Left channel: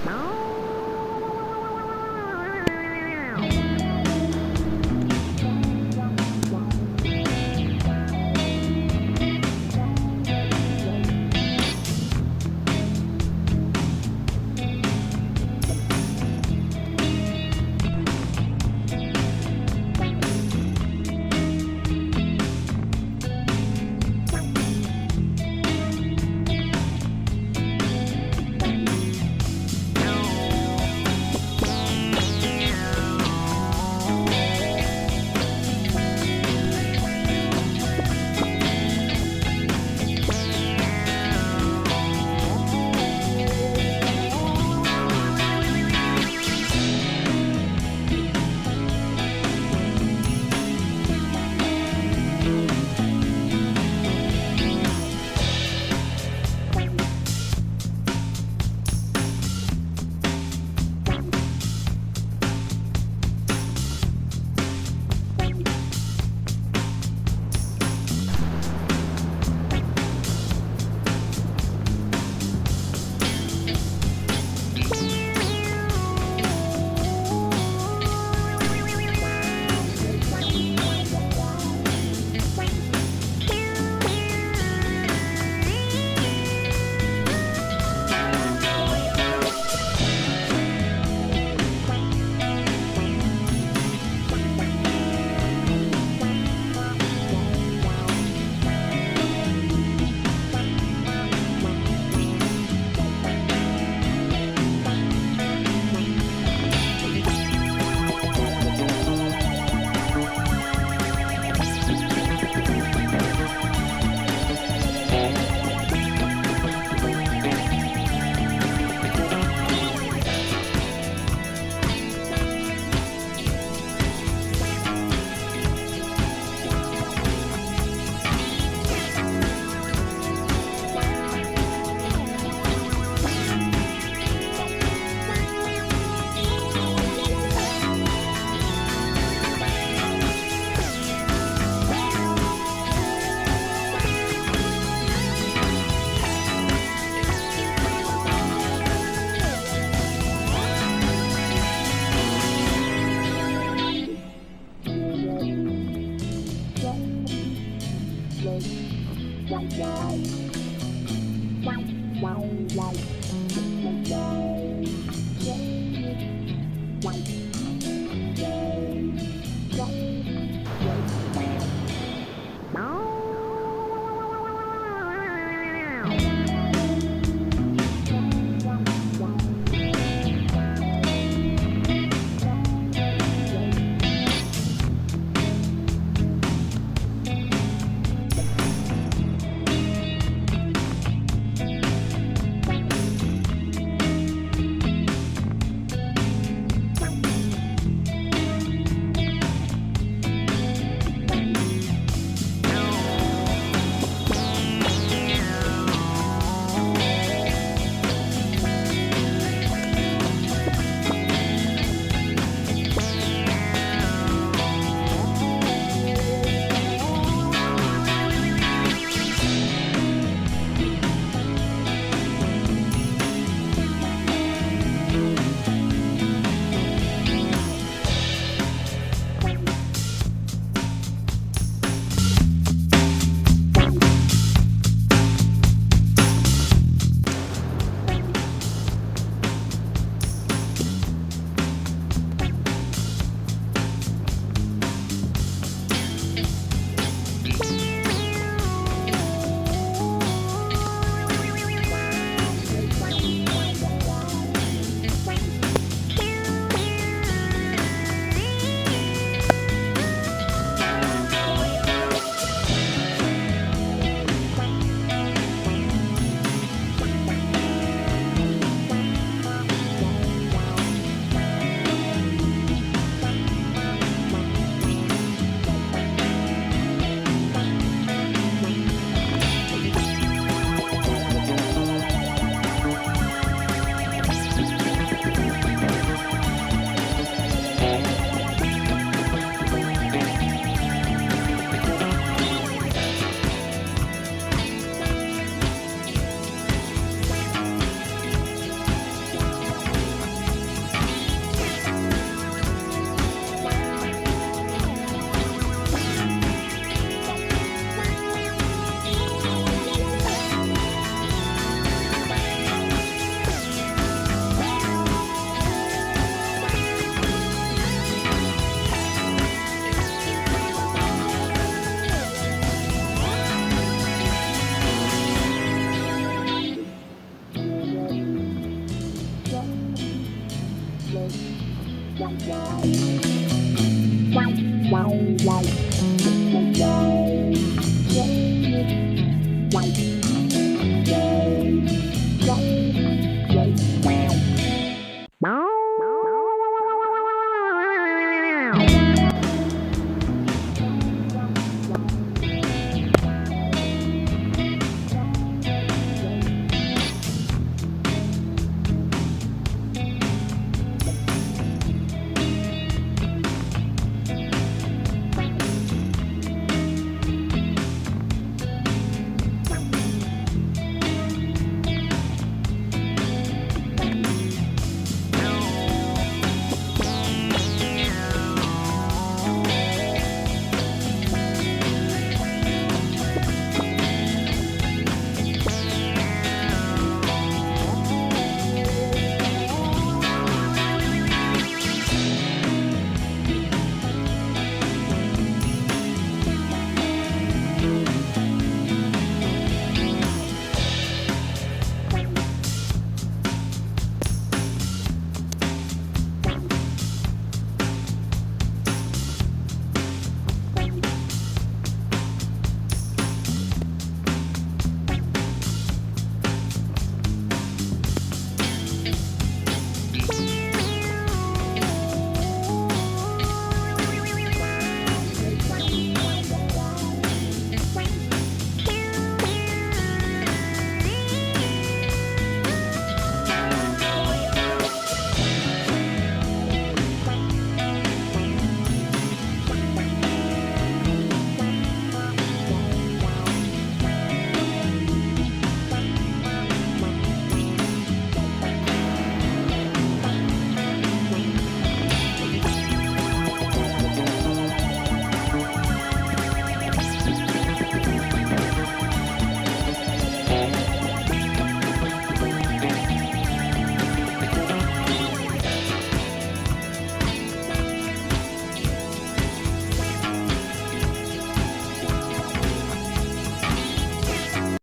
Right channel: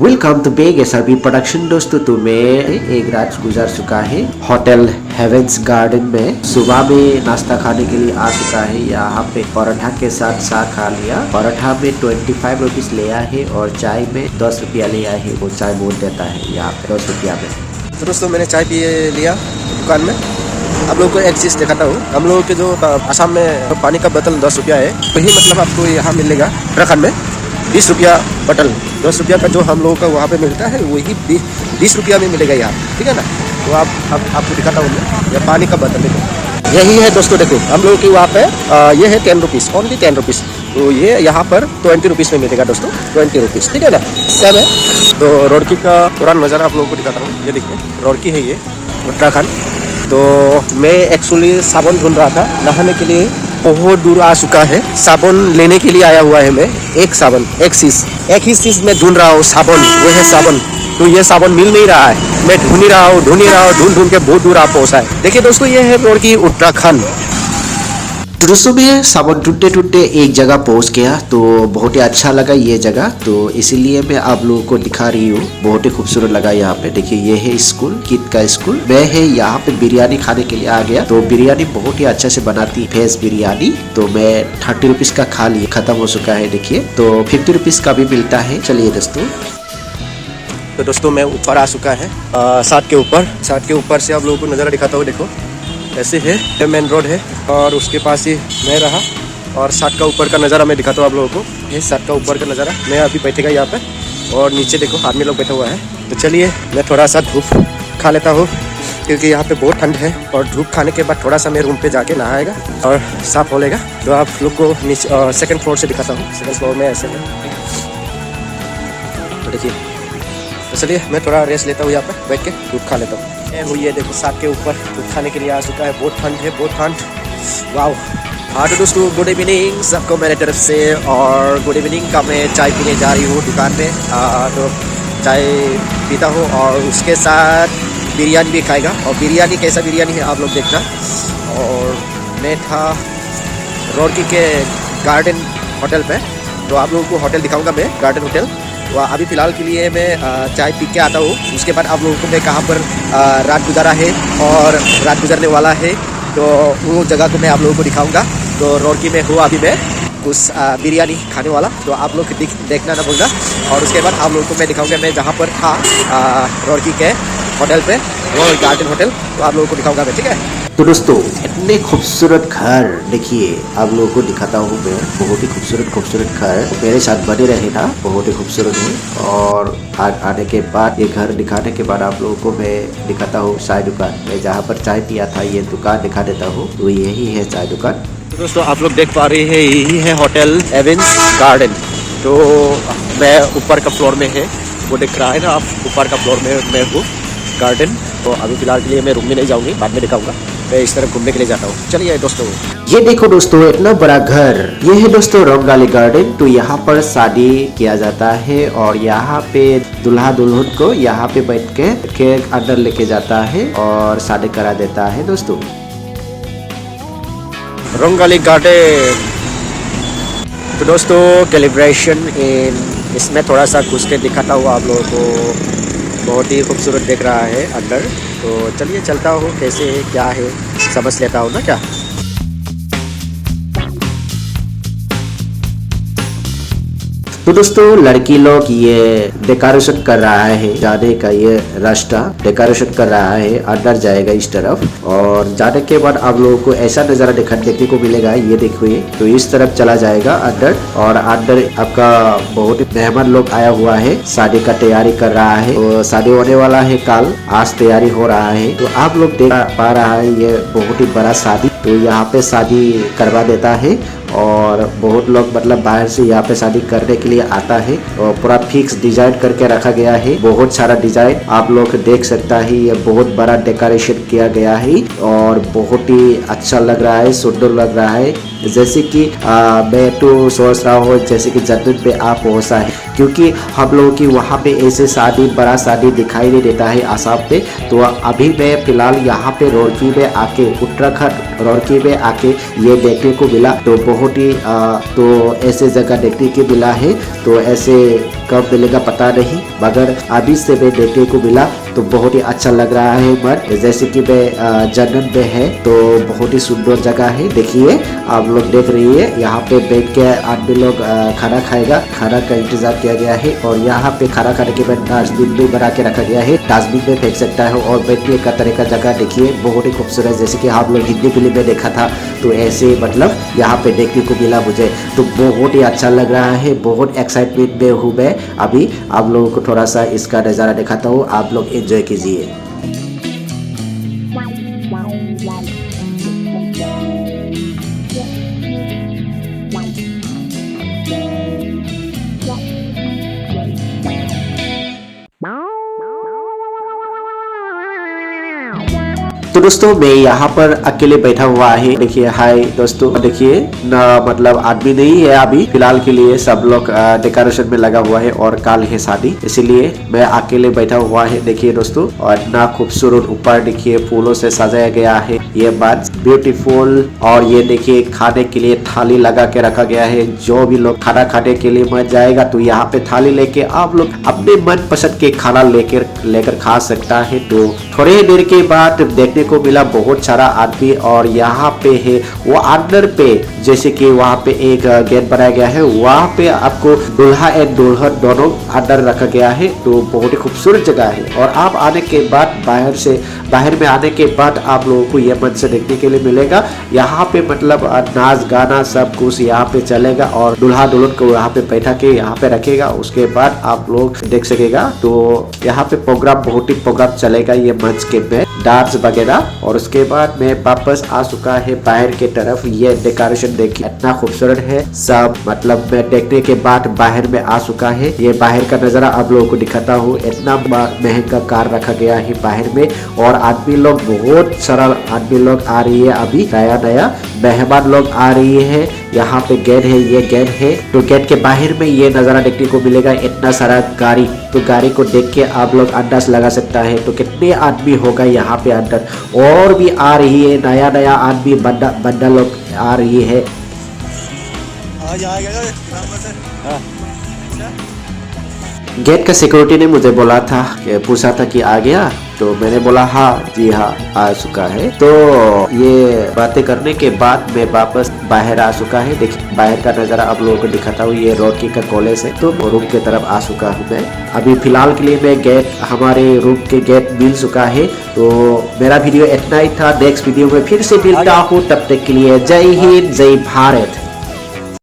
Welcome to Beg SRB production. दोस्तों तुम्हें एक रात गुजर चुका है होटल हेवेंस गार्डन में। सुबह में नाश्ता खाने के लिए आ चुका है। यहाँ पे पराठा के साथ चाय खा लिया। पराठा में 25 रुपीज लिया है और चाय में 10 रुपया लिया है। वो चाय बोल देता है यहाँ पे 10 रुपया में। तो दोस्तों मैंने चाय पी लिया दुकान में। आप लोगों को एक चीज़ दिखाता हूँ। हम लोगों के जो आसाम में पानी का बोतल 10 रुपया है, वही मतलब आपको यहाँ मिलेगा उत्तराखंड में 20 रुपया बोतल। 10 रुपया का जो हम लोगों का वहाँ पे मिलता है वही 20 रुपया में मिलेगा यहाँ, ठीक है ना। तो आपको दिखाता हूँ ये पानी का बोतल देखो, यही है दोस्तों। देखो हम लोगों के वहाँ पे ये है 10 रुपीज़, ओनली 10 रुपीज़। तो ये यहाँ पर 20 रुपीज़ में मिलेगा दोस्तों, 20 रुपीज़, ठीक है ना। सेम है। तो रोडकी का पूरा नज़ारा आप लोगों को दिखाता हूँ। ये देखिए रोडकी है ये उत्तराखंड। तो मैं एक्चुअली साबुन ढूंढ रहा था नहाने के लिए, बहुत दूर आ चुका है। साबुन लेने के लिए आया हुआ है मैं। एक साबुन एक ही चीज मैं ढूंढ रहा हूँ, साबुन। वो है साबुन। तो ये साबुन मिल नहीं रहा है। मैं ढूंढ ही रहा हूँ ढूंढ के बहुत दूर आ पहुंचा है। देखिए दोस्तों ये है रोड की उत्तराखंड। तो दोस्तों मैं साबुन ढूंढते एक जगह पहुंच गया। तो बहुत ही अच्छा लगा ये जगह, तो इसीलिए मैं आप लोगों को दिखा रही हूँ। बहुत ही खूबसूरत लगा यहाँ पे। देखिए ये है स्कूल, किड का स्कूल। मैं है यहाँ पे बिरयानी खाने के लिए आ गया। तो बिरयानी बहुत ही अच्छे से बनाती वेज बिरयानी। तो मैं 30 रुपीज का खा लिया, खत्म हो चुका है। देखिए तो 50 रुपीज का भी मिलता है। चलिए दोस्तों। तो दोस्तों मैं ऊपर आ चुका है, साथ के ऊपर से आप लोगों को नज़ारा दिखाता हूँ। देखो ऐसे है, मेन रोड है और उसके पास ही मैं रहा। और साथ का ऊपर का नज़ारा मैं दिखाता हूँ आप लोगों को। ये साथ का ऊपर का नज़ारा। मैं अभी बैठेगा यहाँ पे और नीचे देखो आदमी लोग बैठा हुआ है। तो चलिए मैं थोड़ा सा धूप खा लेता हूँ, क्योंकि यहाँ पे बहुत ठंड है। और धूप खाने के बाद थोड़ा सा मैं रूम पे जाके नहाएगा और साफ हो लेगा। तो आप लोग को नीचे सेकंड फ्लोर से दिखाता हूँ। सेकंड फ्लोर में ऐसे देखिए। चलिए मैं थोड़ा रेस्ट लेता हूँ यहाँ पर बैठ के, धूप खा लेता हूँ। ये देखो साथ के ऊपर धूप खाने के लिए आ चुका है। बहुत ठंड है, बहुत ठंड। वाओ। हाँ तो दोस्तों गुड इवनिंग सबको मेरे तरफ से। और गुड इवनिंग का मैं चाय पीने जा रही हूँ दुकान में। तो चाय पीता हूँ और उसके साथ बिरयानी भी खाएगा। और बिरयानी कैसा बिरयानी है आप लोग देखना। और मैं था रोडकी के गार्डन होटल पे। तो आप लोगों को होटल दिखाऊंगा मैं, गार्डन होटल। तो अभी फ़िलहाल के लिए मैं चाय पी के आता हूँ। उसके बाद आप लोगों को मैं कहाँ पर रात गुजारा है और रात गुजरने वाला है, तो वो जगह को मैं आप लोगों को दिखाऊंगा। तो रोडकी में हूँ अभी मैं, उस बिरयानी खाने वाला। तो आप लोग देखना ना भूलना। और उसके बाद आप लोगों को मैं दिखाऊंगा मैं जहाँ पर था रोडकी के होटल पे, वो गार्डन होटल। तो आप लोगों को दिखाऊंगा मैं, ठीक है। तो दोस्तों इतने खूबसूरत घर देखिए, आप लोगों को दिखाता हूँ मैं। बहुत ही खूबसूरत घर। मेरे साथ बने रहे ना, बहुत ही खूबसूरत है। और आज आने के बाद, ये घर दिखाने के बाद आप लोगों को मैं दिखाता हूँ चाय दुकान। मैं जहाँ पर चाय पिया था ये दुकान दिखा देता हूँ। तो यही है चाय दुकान। दोस्तों आप लोग देख पा रहे हैं यही है होटल हेवेंस गार्डन। तो मैं ऊपर का फ्लोर में है, वो दिख रहा है ना आप, ऊपर का फ्लोर में मैं हूँ गार्डन। तो अभी फिलहाल के लिए मैं रूम में नहीं जाऊंगी, बाद में दिखाऊंगा। मैं इस तरह घूमने के लिए जाता हूँ। चलिए दोस्तों ये देखो दोस्तों इतना बड़ा घर। ये है दोस्तों रंगाली गार्डन। तो यहाँ पर शादी किया जाता है और यहाँ पे दूल्हा दुल्हन को यहाँ पे बैठ के अंदर लेके जाता है और शादी करा देता है दोस्तों। रंगाली गार्डन। तो दोस्तों कैलिब्रेशन इसमें थोड़ा सा घुस के दिखाता हुआ आप लोगों को। बहुत ही खूबसूरत दिख रहा है अंदर। तो चलिए चलता हूँ, कैसे है क्या है समझ लेता हूँ ना क्या। तो दोस्तों लड़की लोग ये डेकोरेशन कर रहा है, जाने का ये रास्ता डेकोरेशन कर रहा है। अंदर जाएगा इस तरफ और जाने के बाद आप लोगों को ऐसा नज़ारा देखने को मिलेगा। ये देखिए तो इस तरफ चला जाएगा अंदर। और अंदर आपका बहुत ही मेहमान लोग आया हुआ है, शादी का तैयारी कर रहा है। तो शादी होने वाला है कल, आज तैयारी हो रहा है। तो आप लोग देख पा रहा है ये बहुत ही बड़ा शादी। तो यहाँ पे शादी करवा देता है और बहुत लोग मतलब बाहर से यहाँ पे शादी करने के लिए आता है। और पूरा फिक्स डिजाइन करके रखा गया है, बहुत सारा डिजाइन आप लोग देख सकता है। ये बहुत बड़ा डेकोरेशन किया गया है और बहुत ही अच्छा लग रहा है, सुंदर लग रहा है। जैसे कि मैं तो सोच रहा हूँ जैसे कि जन्नत पे आप पहुँचा है, क्योंकि हम लोगों की वहाँ पे ऐसे शादी बड़ा शादी दिखाई नहीं देता है आसाम पे। तो अभी मैं फिलहाल यहाँ पे रुड़की में आके उत्तराखंड रुड़की में आके ये देखने को मिला। तो बहुत ही तो ऐसे जगह देखने को मिला है। तो ऐसे कब मिलेगा पता नहीं, मगर अभी से मैं देखने को मिला तो बहुत ही अच्छा लग रहा है मन। जैसे कि मैं जन्नत में है तो बहुत ही सुंदर जगह है। देखिए आप लोग देख रही है, यहाँ पे बैठ के आदमी लोग खाना खाएगा, खाना का इंतजार किया गया है। और यहाँ पे खाना खाने के बाद डस्टबिन भी बना के रखा गया है, डस्टबिन में फेंक सकता है। और बैठने का तरह का जगह देखिए बहुत ही खूबसूरत, जैसे कि आप लोग हिंदी फिल्म में देखा था। तो ऐसे मतलब यहाँ पे देखने को मिला मुझे, तो बहुत ही अच्छा लग रहा है। बहुत एक्साइटमेंट में हूँ मैं। अभी आप लोगों को थोड़ा सा इसका नज़ारा दिखाता हूँ, आप लोग एंजॉय कीजिए। तो दोस्तों मैं यहाँ पर अकेले बैठा हुआ है। देखिए हाय दोस्तों, देखिए ना मतलब आदमी नहीं है अभी फिलहाल के लिए, सब लोग डेकोरेशन में लगा हुआ है और कल है शादी, इसीलिए मैं अकेले बैठा हुआ है। देखिए दोस्तों, और इतना खूबसूरत ऊपर देखिए फूलों से सजाया गया है, ये बात ब्यूटीफुल। और ये देखिए खाने के लिए थाली लगा के रखा गया है। जो भी लोग खाना खाने के लिए मन जाएगा तो यहाँ पे थाली लेके आप लोग अपने मन पसंद के खाना लेकर खा सकता है। तो थोड़े देर के बाद देखने को मिला बहुत सारा आदमी, और यहाँ पे है वो अंदर पे, जैसे कि वहाँ पे एक गेट बनाया गया है, वहाँ पे आपको दूल्हा एंड दुल्हन दोनों अंदर रखा गया है। तो बहुत ही खूबसूरत जगह है। और आप आने के बाद बाहर में आने के बाद आप लोगों को ये मंच से देखने के लिए मिलेगा। यहाँ पे मतलब नाच गाना सब कुछ यहाँ पे चलेगा, और दूल्हा दुल्हन को यहाँ पे बैठा के यहाँ पे रखेगा, उसके बाद आप लोग देख सकेगा। तो यहाँ पे प्रोग्राम बहुत ही प्रोग्राम चलेगा ये मंच के में, डांस वगैरह। और उसके बाद मैं वापस आ चुका है बाहर के तरफ। ये डेकोरेशन देखिए इतना खूबसूरत है सब, मतलब मैं देखने के बाद बाहर में आ चुका है। ये बाहर का नजारा आप लोगों को दिखाता हूँ। इतना महंगा कार रखा गया है बाहर में, और आदमी लोग बहुत सारा आदमी लोग आ रही है, अभी नया मेहमान लोग आ रही है। यहाँ पे गेट है, ये गेट है। तो गेट के बाहर में ये नजारा देखने को मिलेगा, इतना सारा गाड़ी। तो गाड़ी को देख के आप लोग अंदाज लगा सकता है तो कितने आदमी होगा यहाँ पे अंदर। और भी आ रही है, नया आदमी बंदा लोग आ रही है। गेट का सिक्योरिटी ने मुझे बोला था, पूछा था कि आ गया, तो मैंने बोला हाँ जी हाँ आ चुका है। तो ये बातें करने के बाद मैं वापस बाहर आ चुका है। देखिए बाहर का नज़ारा आप लोगों को दिखाता हूँ। ये रुड़की का कॉलेज है, तो रूम की तरफ आ चुका हूँ मैं। अभी फिलहाल के लिए मैं गेट, हमारे रूम के गेट मिल चुका है। तो मेरा वीडियो इतना ही था। नेक्स्ट वीडियो में फिर से मिलता हूँ, तब तक के लिए जय हिंद जय भारत।